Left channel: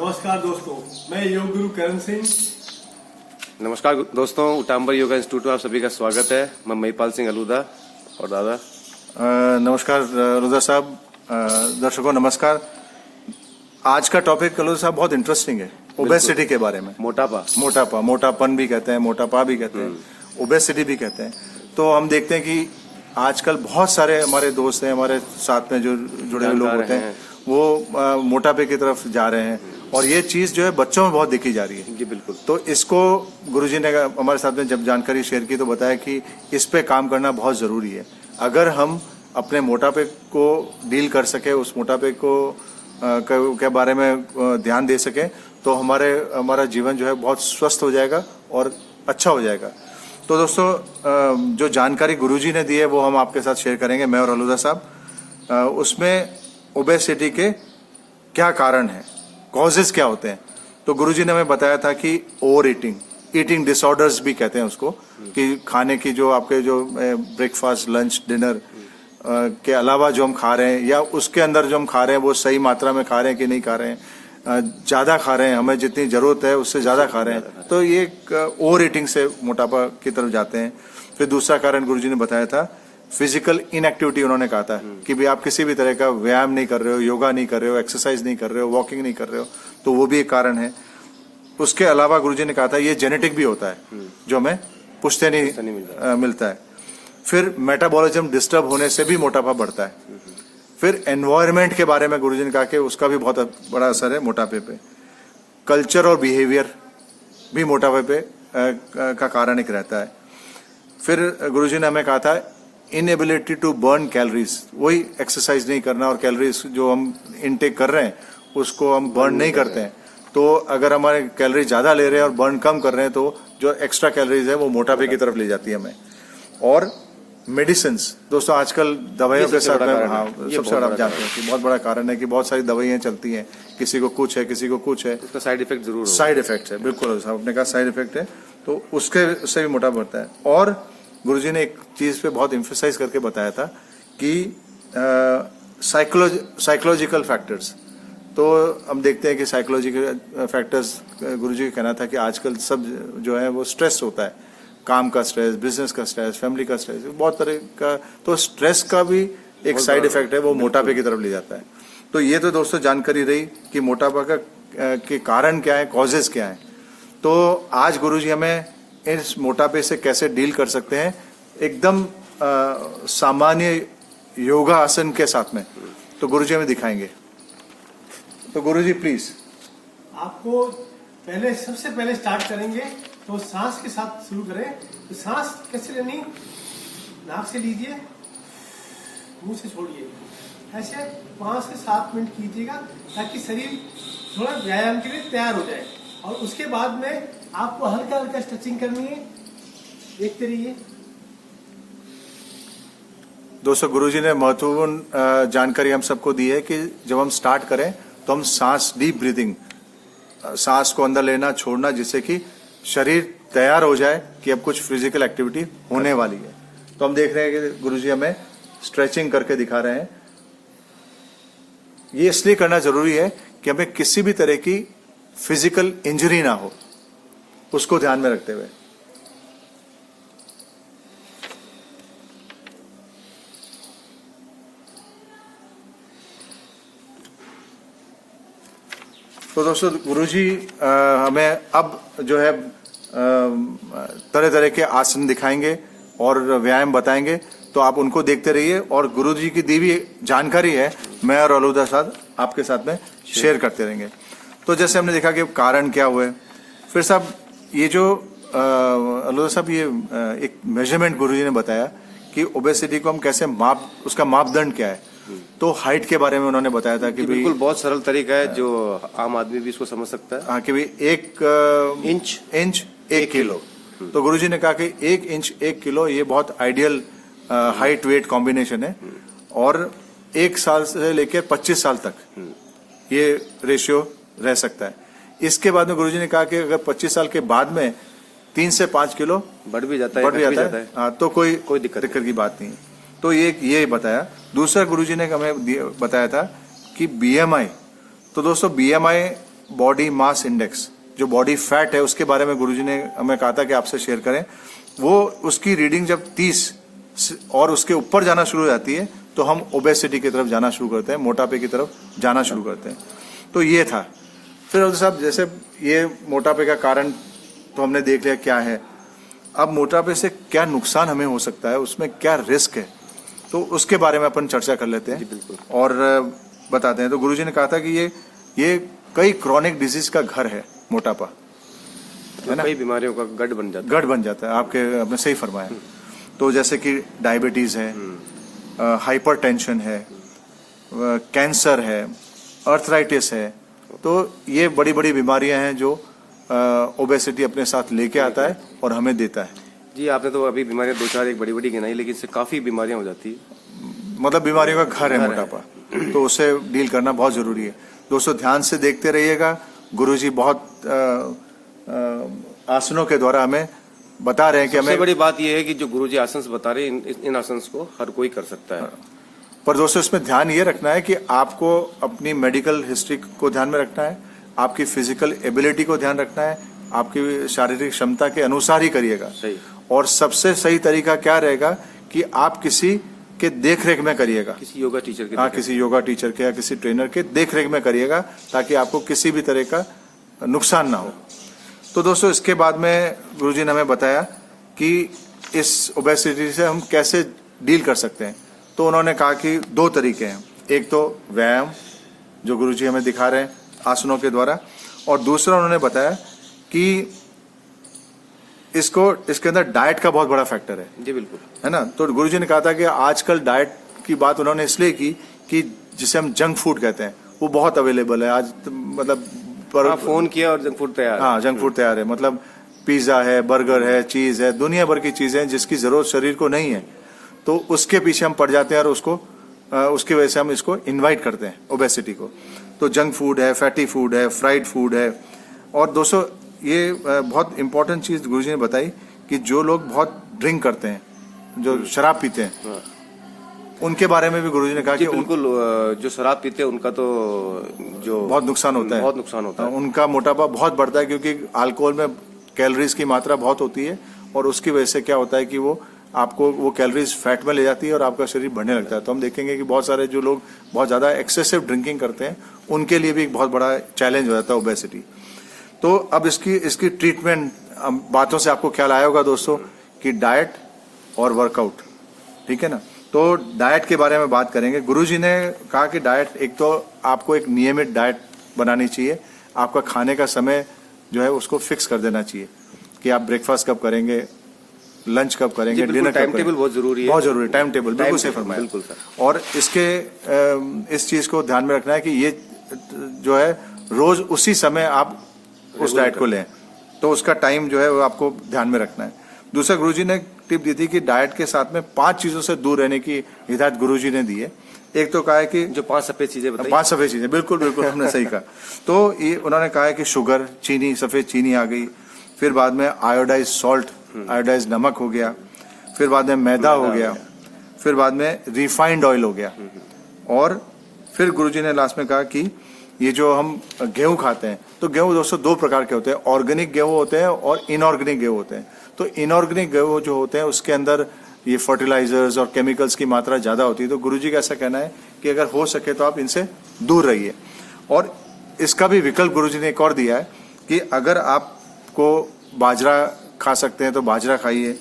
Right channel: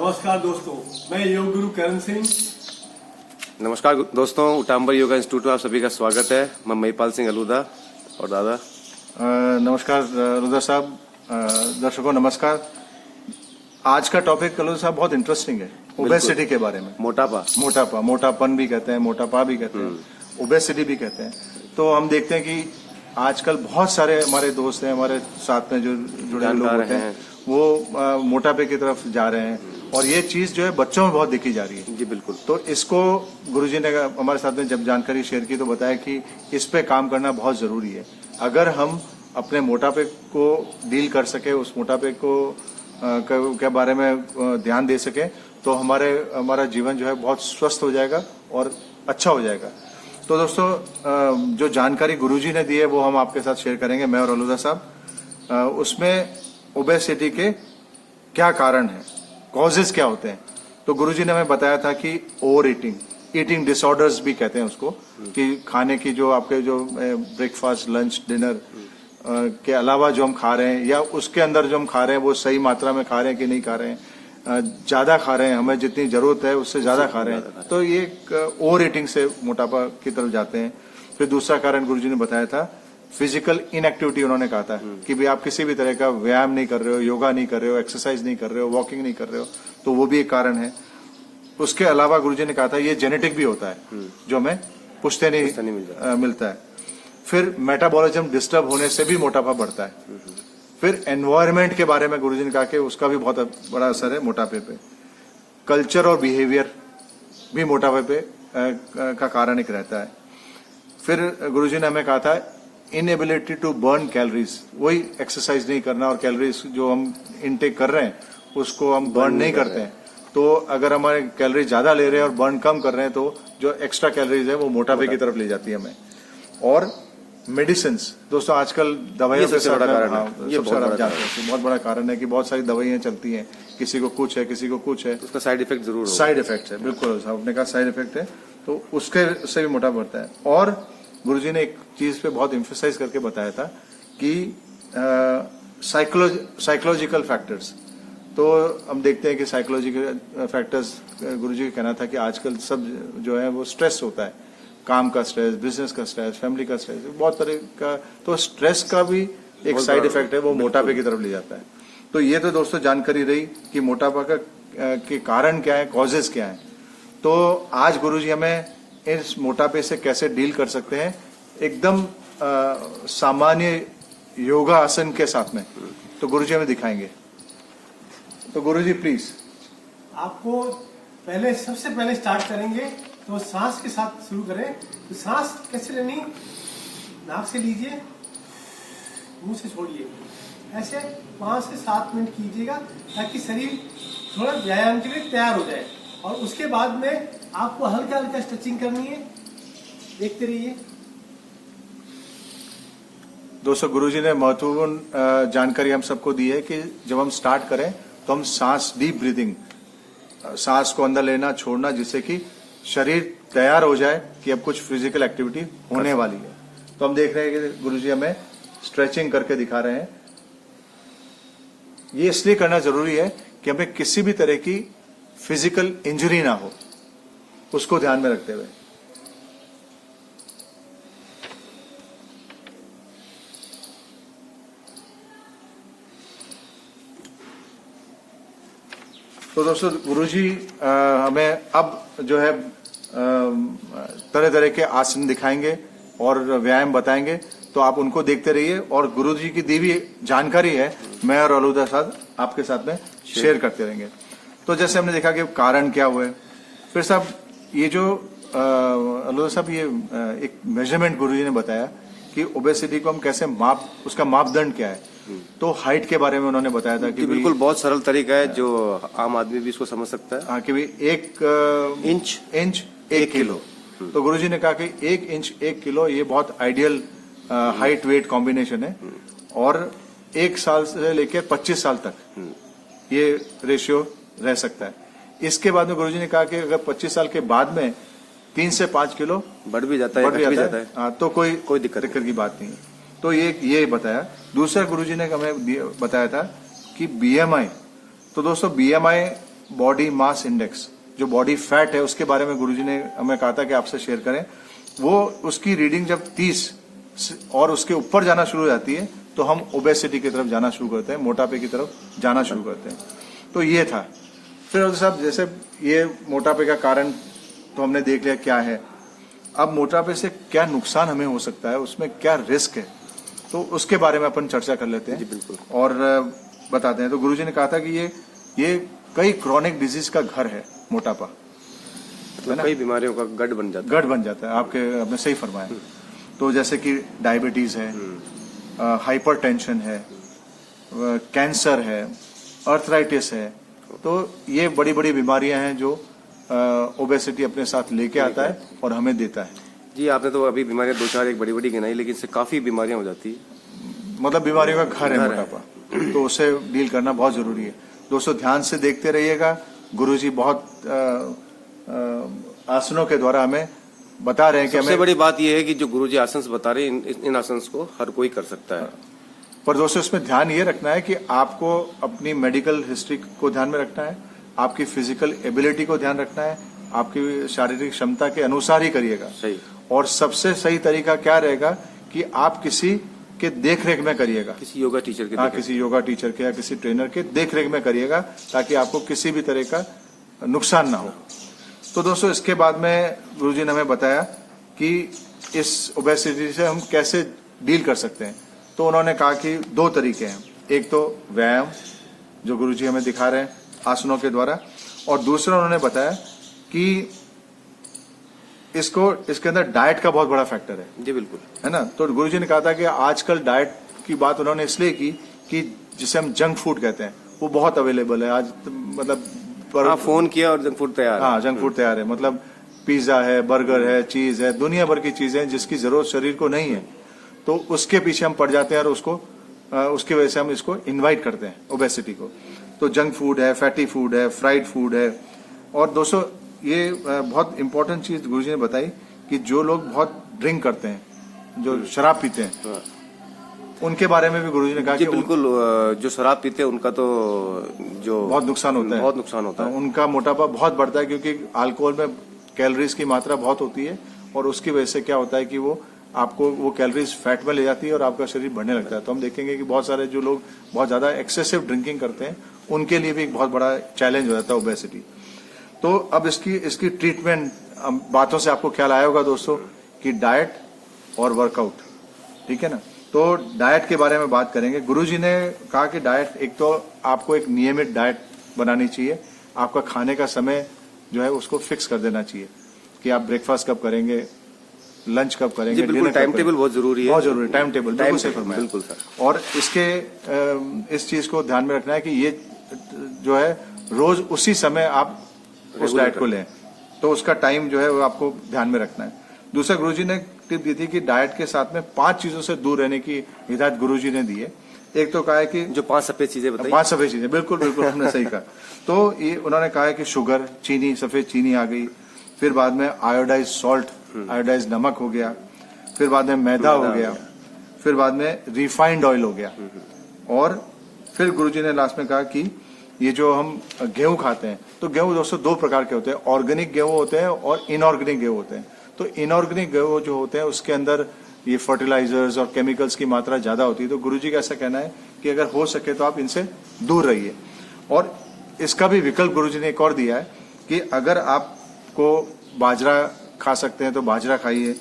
नमस्कार दोस्तों, मैं योग गुरु करण सिंह। नमस्कार दोस्तों, उटाम्बर योगा इंस्टीट्यूट में आप सभी का स्वागत है। मैं महिपाल सिंह अलूदा और दादा। नमस्कार अलूदा साहब, दर्शकों नमस्कार। आज का टॉपिक अलूदा साहब बहुत इंटरेस्टिंग है, ओबेसिटी के बारे में। मोटापन भी कहते हैं, मोटापा भी कहते हैं, ओबेसिटी भी कहते हैं। तो हम देखते हैं कि आजकल बहुत सारे हमारे दोस्त हैं, हमारे साथ में जो जुड़े लोग होते हैं वो मोटापे की तरफ जा रहे हैं और ये चीज जो है बच्चों में बहुत देखी जा रही है। जी बिल्कुल। तो इसको गुरुजी ने हमारे साथ में जब जानकारी शेयर की तो बताया कि इस पे काम करना बहुत जरूरी है। अगर हम अपने मोटापे को डील कर सके, उस मोटापे को के बारे में ध्यान दे सके, तो हमारा जीवन जो है बहुत स्वस्थ हो जाएगा और अच्छा हो जाएगा। तो दोस्तों, जो जानकारी गुरुजी ने दी है वो हम आपके साथ शेयर करेंगे, मैं और अलूदा साहब। उसमें ओबेसिटी के क्या कारण है, कॉजेस क्या होते हैं। तो गुरुजी ने हमें बताया था कि ओवर ईटिंग डिसऑर्डर्स भी कहते हैं उसको, कि खाने की जो आपके जो ब्रेकफास्ट, लंच, डिनर के अलावा जो हम खा रहे हैं या उसके अंदर जो हम खा रहे हैं वो सही मात्रा में खा रहे हैं कि नहीं खा रहे हैं, ज्यादा खा रहे हैं, हमें जितनी जरूरत है उससे ज्यादा खा रहे हैं, तो ये ओवर ईटिंग से मोटापा की तरफ जाते हैं। फिर दूसरा कारण गुरुजी ने बताया था फिजिकल इनएक्टिविटी। उन्होंने कहा था कि भी आप किसी भी तरह का व्यायाम नहीं कर रहे हो, योगा नहीं कर रहे हो, एक्सरसाइज नहीं कर रहे हो, वॉकिंग नहीं कर रहे हो, तो वो भी एक कारण है। उसके अलावा गुरुजी ने कहा था ये जेनेटिक भी होता है, जो हमें पुश्ते नहीं मिलता है। फिर मेटाबॉलिज्म डिस्टर्ब होने से भी मोटापा बढ़ता है। फिर एनवायरमेंट के बारे में गुरुजी ने कहा कि उसका भी बहुत बड़ा असर है मोटापे पे। कल्चर और बिहेवियर भी मोटापे पे का कारण एक रहता है। फिर गुरुजी ने हमें कहा था इनएबिलिटी टू बर्न कैलोरीज, वही एक्सरसाइज नहीं करना और कैलोरीज जो हम इनटेक कर रहे हैं उसको हम बर्न नहीं करते हैं। तो अगर हमारे कैलोरी ज्यादा ले रहे हैं और बर्न कम कर रहे हैं तो जो एक्स्ट्रा कैलोरीज है वो मोटापे की तरफ ले जाती है हमें। और मेडिसिन दोस्तों, आजकल दवाइयों पे सबसे बड़ा कारण है, ये बहुत बड़ा कारण है कि बहुत सारी दवाइयां चलती हैं, किसी को कुछ है, किसी को कुछ है, उसका साइड इफेक्ट जरूर होगा। साइड इफेक्ट है, बिल्कुल आपने कहा साइड इफेक्ट है, तो उससे भी मोटापा बढ़ता है। और गुरुजी ने एक चीज पे बहुत एम्फसाइज करके बताया था कि साइकोलॉजिकल फैक्टर्स। तो हम देखते हैं कि साइकोलॉजिकल फैक्टर्स, गुरुजी का कहना था कि आजकल सब जो है वो स्ट्रेस होता है, काम का स्ट्रेस, बिजनेस का स्ट्रेस, फैमिली का स्ट्रेस, बहुत तरह का। तो स्ट्रेस का भी एक साइड इफेक्ट है, वो मोटापे की तरफ ले जाता है। तो ये तो दोस्तों जानकारी रही कि मोटापा का के कारण क्या है, कॉजेज क्या है। तो आज गुरुजी हमें इस मोटापे से कैसे डील कर सकते हैं, एकदम सामान्य योगा आसन के साथ में, तो गुरुजी हमें दिखाएंगे। तो गुरुजी प्लीज। आपको सबसे पहले स्टार्ट करेंगे तो सांस के साथ शुरू करें। तो सांस कैसे लेनी, नाक से लीजिए, मुंह से छोड़िए, ऐसे 5 से 7 मिनट कीजिएगा ताकि शरीर थोड़ा व्यायाम के लिए तैयार हो जाए। और उसके बाद में आपको हल्का हल्का स्ट्रेचिंग करनी है। देखते रहिए दोस्तों, गुरुजी ने महत्वपूर्ण जानकारी हम सबको दी है कि जब हम स्टार्ट करें तो हम सांस, डीप ब्रीदिंग, सांस को अंदर लेना छोड़ना, जिससे कि शरीर तैयार हो जाए कि अब कुछ फिजिकल एक्टिविटी होने वाली है। तो हम देख रहे हैं कि गुरुजी हमें स्ट्रेचिंग करके दिखा रहे हैं। ये इसलिए करना जरूरी है कि हमें किसी भी तरह की फिजिकल इंजरी ना हो, उसको ध्यान में रखते हुए। तो दोस्तों, गुरुजी हमें अब जो है तरह तरह के आसन दिखाएंगे और व्यायाम बताएंगे, तो आप उनको देखते रहिए। और गुरुजी की दी हुई जानकारी है, मैं और अलूदा साहब आपके साथ में शेयर करते रहेंगे। तो जैसे हमने देखा कि कारण क्या हुए, फिर साहब ये जो अलूदा साहब ये एक मेजरमेंट गुरुजी ने बताया कि ओबेसिटी को हम कैसे उसका मापदंड क्या है। तो हाइट के बारे में उन्होंने बताया था कि बिल्कुल बहुत सरल तरीका है जो आम आदमी भी इसको समझ सकता है। हाँ, कि भाई 1 इंच 1 किलो। तो गुरुजी ने कहा कि 1 इंच 1 किलो ये बहुत आइडियल हाइट वेट कॉम्बिनेशन है। और 1 साल से लेकर 25 साल तक ये रेशियो रह सकता है। इसके बाद में गुरुजी ने कहा कि अगर 25 साल के बाद में 3 से 5 किलो बढ़ भी जाता है, तो कोई दिक्कत की बात नहीं। तो ये बताया। दूसरा गुरुजी ने हमें बताया था कि बीएमआई। तो दोस्तों, बीएमआई बॉडी मास इंडेक्स, जो बॉडी फैट है, उसके बारे में गुरुजी ने हमें कहा था कि आपसे शेयर करें। वो उसकी रीडिंग जब 30 और उसके ऊपर जाना शुरू हो जाती है तो हम ओबेसिटी की तरफ जाना शुरू करते हैं, मोटापे की तरफ जाना शुरू करते हैं। तो ये था। फिर साहब जैसे ये मोटापे का कारण तो हमने देख लिया क्या है, अब मोटापे से क्या नुकसान हमें हो सकता है, उसमें क्या रिस्क है, तो उसके बारे में अपन चर्चा कर लेते हैं। जी बिल्कुल। और बताते हैं। तो गुरुजी ने कहा था कि ये कई क्रॉनिक डिजीज का घर है मोटापा, तो कई बीमारियों का गढ़ बन जाता है। गढ़ बन जाता है। आपने सही फरमाया। तो जैसे कि डायबिटीज है, हाइपरटेंशन है, कैंसर है, अर्थराइटिस है, तो ये बड़ी बड़ी बीमारियां हैं जो ओबेसिटी अपने साथ लेके आता है और हमें देता है। जी आपने तो अभी बीमारियां दो चार एक बड़ी बड़ी गिनाई, लेकिन इससे काफी बीमारियां हो जाती है। मतलब बीमारियों का घर है मोटापा, तो उससे डील करना बहुत जरूरी है। दोस्तों ध्यान से देखते रहिएगा। गुरुजी बहुत आसनों के द्वारा हमें बता रहे हैं कि सबसे बड़ी बात यह है कि जो गुरुजी आसन बता रहे हैं, इन आसन को हर कोई कर सकता है। पर दोस्तों इसमें ध्यान ये रखना है कि आपको अपनी मेडिकल हिस्ट्री को ध्यान में रखना है, आपकी फिजिकल एबिलिटी को ध्यान रखना है, आपकी शारीरिक क्षमता के अनुसार ही करिएगा। सही। और सबसे सही तरीका क्या रहेगा कि आप किसी के देखरेख में करिएगा, किसी योगा टीचर के। किसी योगा टीचर के या किसी ट्रेनर के देखरेख में करिएगा, ताकि आपको किसी भी तरह का नुकसान ना हो। तो दोस्तों इसके बाद में गुरुजी ने हमें बताया कि इस ओबेसिटी से हम कैसे डील कर सकते हैं। तो उन्होंने कहा कि 2 तरीके हैं, एक तो व्यायाम जो गुरुजी हमें दिखा रहे हैं आसनों के द्वारा, और दूसरा उन्होंने बताया कि इसके अंदर डाइट का बहुत बड़ा फैक्टर है। जी बिल्कुल, है ना। तो गुरुजी ने कहा था कि आजकल डाइट की बात उन्होंने इसलिए की कि जिसे हम जंक फूड कहते हैं वो बहुत अवेलेबल है आज, मतलब फोन किया और जंक फूड तैयार है। हाँ, जंक फूड तैयार है, मतलब पिज्जा है, बर्गर है, चीज है, दुनिया भर की चीजें जिसकी जरूरत शरीर को नहीं है, तो उसके पीछे हम पड़ जाते हैं और उसकी वजह से हम इसको इनवाइट करते हैं ओबेसिटी को। तो जंक फूड है, फैटी फूड है, फ्राइड फूड है। और दोस्तों ये बहुत इंपॉर्टेंट चीज गुरुजी ने बताई कि जो लोग बहुत ड्रिंक करते हैं, जो शराब पीते हैं, उनके बारे में भी गुरुजी ने कहा कि बिल्कुल, जो शराब पीते हैं उनका तो जो बहुत नुकसान होता है, बहुत नुकसान होता है। उनका मोटापा बहुत बढ़ता है, क्योंकि अल्कोहल में कैलोरीज की मात्रा बहुत होती है, और उसकी वजह से क्या होता है कि वो आपको वो कैलोरीज फैट में ले जाती है और आपका शरीर बढ़ने लगता है। तो हम देखेंगे कि बहुत सारे जो लोग बहुत ज्यादा एक्सेसिव ड्रिंकिंग करते हैं, उनके लिए भी एक बहुत बड़ा चैलेंज हो जाता है ओबेसिटी। तो अब इसकी ट्रीटमेंट बातों से आपको ख्याल आया होगा दोस्तों कि डाइट और वर्कआउट, ठीक है ना। तो डाइट के बारे में बात करेंगे। गुरुजी ने कहा कि डाइट, एक तो आपको एक नियमित डाइट बनानी चाहिए, आपका खाने का समय जो है उसको फिक्स कर देना चाहिए कि आप ब्रेकफास्ट कब करेंगे, लंच कब करेंगे, डिनर टाइम टेबल बहुत जरूरी है। बहुत जरूरी है टाइम टेबल, बिल्कुल सर। और इस चीज को ध्यान में रखना है कि ये जो है रोज उसी समय आप उस डाइट को लें, तो उसका टाइम जो है वो आपको ध्यान में रखना है। दूसरा गुरुजी ने टिप दी थी कि डाइट के साथ में 5 चीजों से दूर रहने की हिदायत गुरुजी ने दी है। एक तो कहा है कि जो 5 सफेद चीजें बताई, 5 सफेद चीजें, बिल्कुल आपने सही कहा। तो ये उन्होंने कहा है कि शुगर, चीनी, सफेद चीनी आ गई, फिर बाद में आयोडाइज सॉल्ट, आयोडाइज नमक हो गया, फिर बाद में मैदा हो गया, फिर बाद में रिफाइंड ऑयल हो गया, और फिर गुरुजी ने लास्ट में कहा कि ये जो हम गेहूं खाते हैं, तो गेहूं दोस्तों 2 प्रकार के होते हैं, ऑर्गेनिक गेहूं होते हैं और इनऑर्गेनिक गेहूं होते हैं। तो इनऑर्गेनिक गेहूं जो होते हैं उसके अंदर ये फर्टिलाइजर्स और केमिकल्स की मात्रा ज्यादा होती है। तो गुरुजी का ऐसा कहना है कि अगर हो सके तो आप इनसे दूर रहिए। और इसका भी विकल्प गुरुजी ने एक और दिया है कि अगर आपको बाजरा खा सकते हैं तो बाजरा खाइए,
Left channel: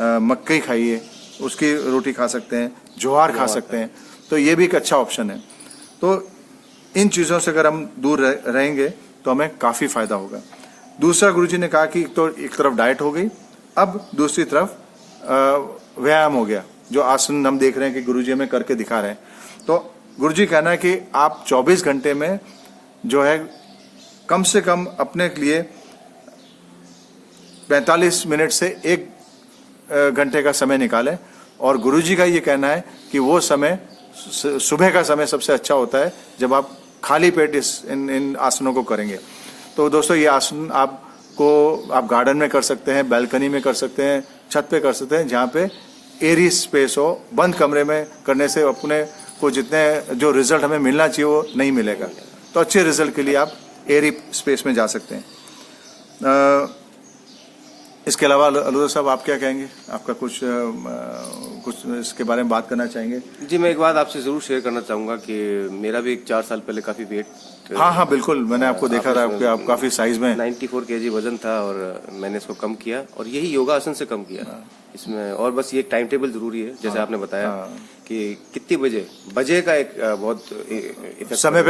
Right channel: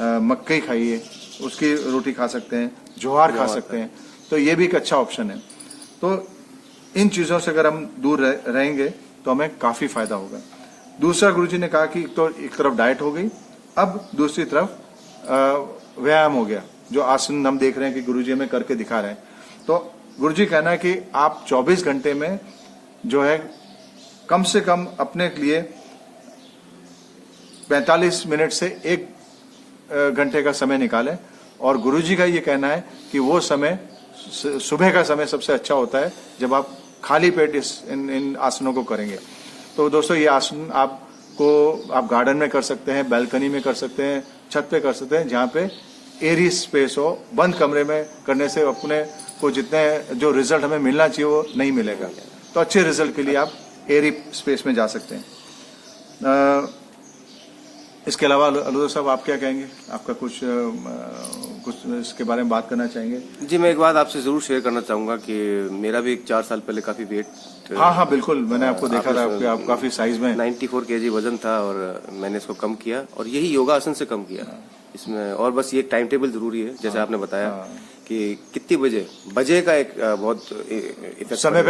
मक्की खाइए, उसकी रोटी खा सकते हैं, ज्वार खा सकते हैं, तो ये भी एक अच्छा ऑप्शन है। तो इन चीजों से अगर हम दूर रहेंगे तो हमें काफी फायदा होगा। दूसरा गुरुजी ने कहा कि तो एक तरफ डाइट हो गई, अब दूसरी तरफ व्यायाम हो गया, जो आसन हम देख रहे हैं कि गुरुजी हमें करके दिखा रहे हैं। तो गुरुजी कहना है कि आप 24 घंटे में जो है कम से कम अपने लिए 45 मिनट से 1 घंटे का समय निकालें। और गुरुजी का ये कहना है कि वो समय सुबह का समय सबसे अच्छा होता है जब आप खाली पेट इन आसनों को करेंगे। तो दोस्तों ये आसन आप गार्डन में कर सकते हैं, बैल्कनी में कर सकते हैं, छत पे कर सकते हैं, जहाँ पे एरी स्पेस हो। बंद कमरे में करने से अपने को जितने जो रिजल्ट हमें मिलना चाहिए वो नहीं मिलेगा। तो अच्छे रिजल्ट के लिए आप एयरी स्पेस में जा सकते हैं। इसके अलावा अलूदा साहब आप क्या कहेंगे? आपका कुछ इसके बारे में बात करना चाहेंगे? जी, मैं एक बात आपसे जरूर शेयर करना चाहूंगा कि मेरा भी 4 साल पहले काफी वेट हाँ बिल्कुल, मैंने आपको देखा था कि आप काफी साइज में 94 kg वजन था और मैंने इसको कम किया और यही योगासन से कम किया इसमें। और बस ये टाइम टेबल जरूरी है, जैसे आपने बताया कि कितनी बजे का एक बहुत इफेक्ट समय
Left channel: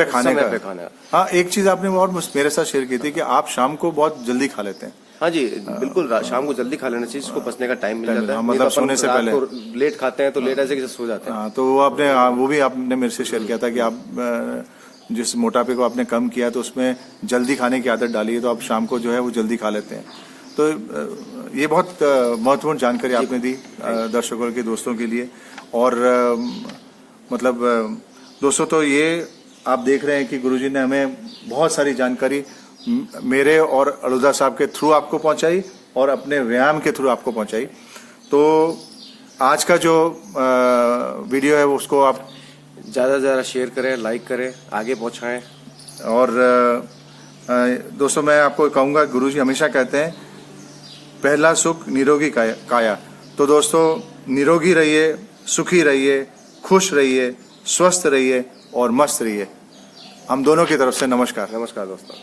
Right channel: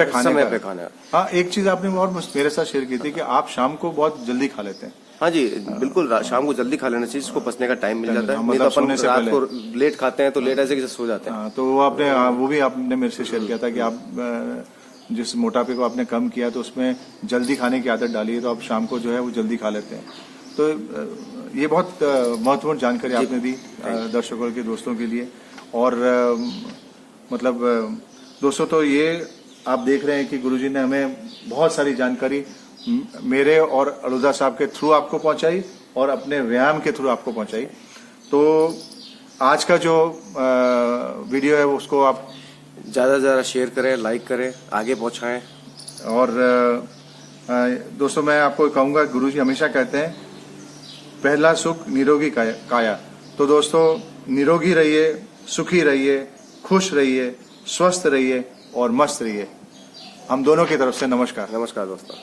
पे खाना। हाँ, एक चीज आपने और मेरे साथ शेयर की थी कि आप शाम को बहुत जल्दी खा लेते हैं। हाँ जी, बिल्कुल, शाम को जल्दी खा लेना चाहिए, इसको पचने का टाइम मिल जाता है। मतलब नहीं तो सोने अपन से रात पहले को लेट खाते हैं तो लेट ऐसे कैसे सो जाते हैं। हाँ, तो वो भी आपने मेरे से शेयर किया था कि आप जिस मोटापे को आपने कम किया तो उसमें जल्दी खाने की आदत डाली है, तो आप शाम को जो है वो जल्दी खा लेते हैं। तो ये बहुत महत्वपूर्ण जानकारी आपने दी दर्शकों के दोस्तों के लिए। और मतलब दोस्तों, तो ये आप देख रहे हैं कि गुरुजी ने हमें बहुत सारी जानकारी मेरे और अलूदा साहब के थ्रू आपको पहुंचाई और अपने व्यायाम के थ्रू आपको पहुंचाई। तो आज का जो वीडियो है उसको आप ज्यादा से ज्यादा शेयर करें, लाइक करें, आगे पहुंचाएं। और दोस्तों, मैं आपको कहूंगा, गुरुजी हमेशा कहते हैं पहला सुख निरोगी काया। तो दोस्तों, निरोगी रहिए, सुखी रहिए, खुश रहिए, स्वस्थ रहिए और मस्त रहिए। हम दोनों की तरफ से नमस्कार। नमस्कार दोस्तों।